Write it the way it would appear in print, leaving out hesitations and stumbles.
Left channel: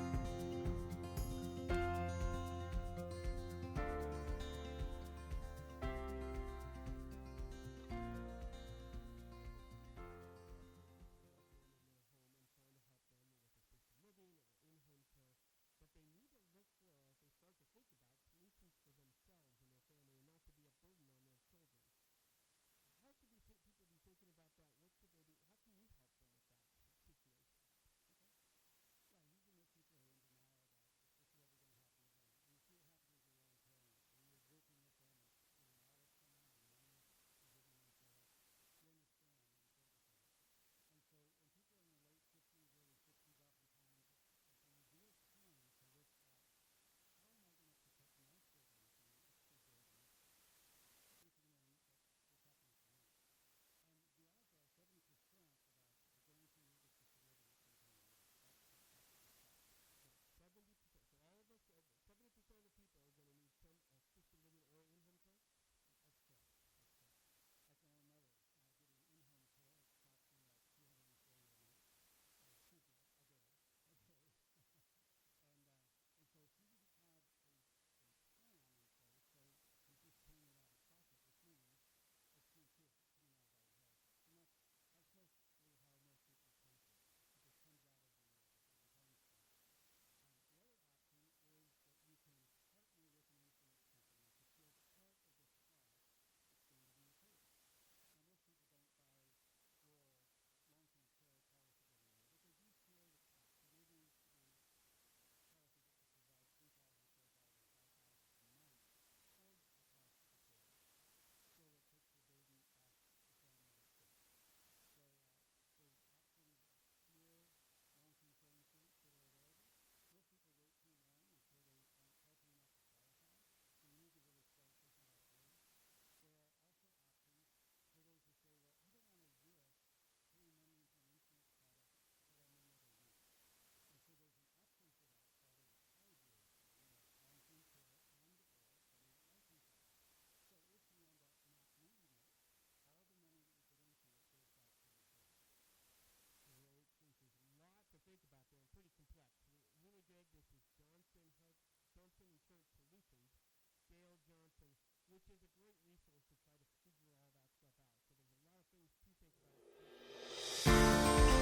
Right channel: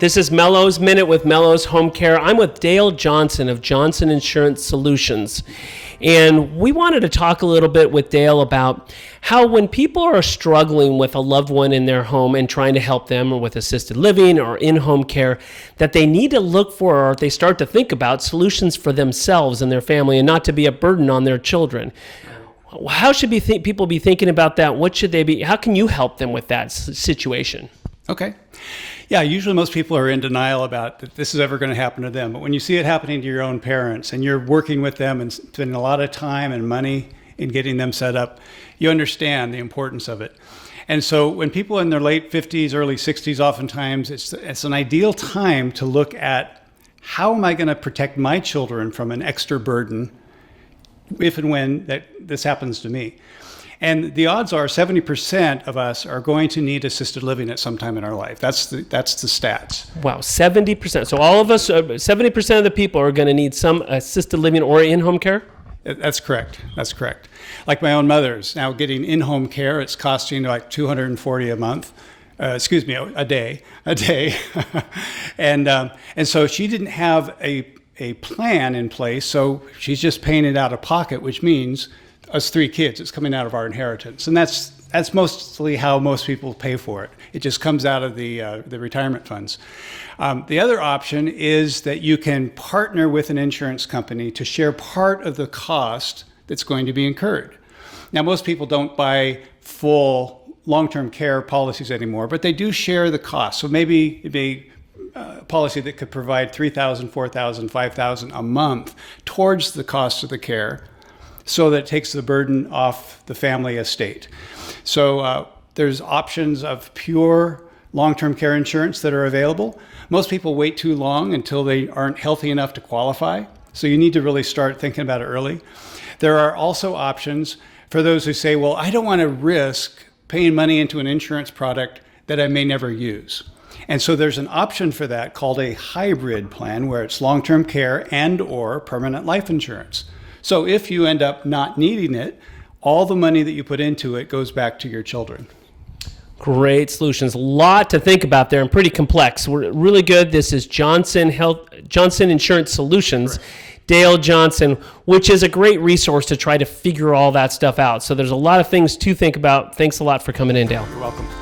This is Mello's Minute with Mello's Home Care. I'm with Dale Johnson of Johnson Insurance Solutions. And we wanted to talk a little bit with Dale about how when people are struggling with a loved one in their home and trying to help them with assisted living or in-home care, that they need to look for, or they start to think about, solutions for themselves and their family and not to be a burden on their children. How should people be thinking about that? What should they be? How can you help them with that situation? Okay. Yeah, usually most people are in denial about that this is ever going to happen to them. But when you see it happening to your own parents and you're working with them and spending a lot of time and money in getting them set up, you understand the importance of it. And so when people in their late 50s, early 60s, oftentimes it's an ideal time to look at how am I going to protect my children from an extra burden if and when this happens to me. And the odds are 70% of us are going to need assisted living at some time in our life. That's the stats. Wow, 70%. So all of us, 70% of the people are going to need some assisted living or in-home care? That's correct. That's correct. Like my own mother's now getting in-home care, it's costing like $240 a month. A day. and so she didn't have a plan in place, so she's just paying it out of pocket, which means us 3 kids, it's coming out of our inheritance. And that's mostly how most people pay for it. It just comes out of the retirement funds. The other option is that you can partner with an insurance company to share part of the cost that's going to be incurred. Now, most people don't buy full long-term care policies anymore, but they do share the cost. So maybe it'd be a policy that could provide $3,000, $4,000, $5,000 a month towards the cost of the care, so that it takes the burden off the family estate. So there's options of pure long-term care insurance that are available. Most people wait too long until they aren't healthy enough to qualify. So you need to really start thinking about it early. There are also options for those who say, well, I don't want to risk paying money into an insurance product that I may never use. And so there's an option for that called a hybrid plan, where it's long-term care and or permanent life insurance. So if you end up not needing it, all the money that you put into it goes back to your children. Great solutions. A lot to think about there and pretty complex. We're really good. This is Johnson Insurance Solutions. Correct. Dale Johnson, which is a great resource to try to figure all that stuff out. So there's a lot of things to think about. Thanks a lot for coming in, Dale. You're welcome.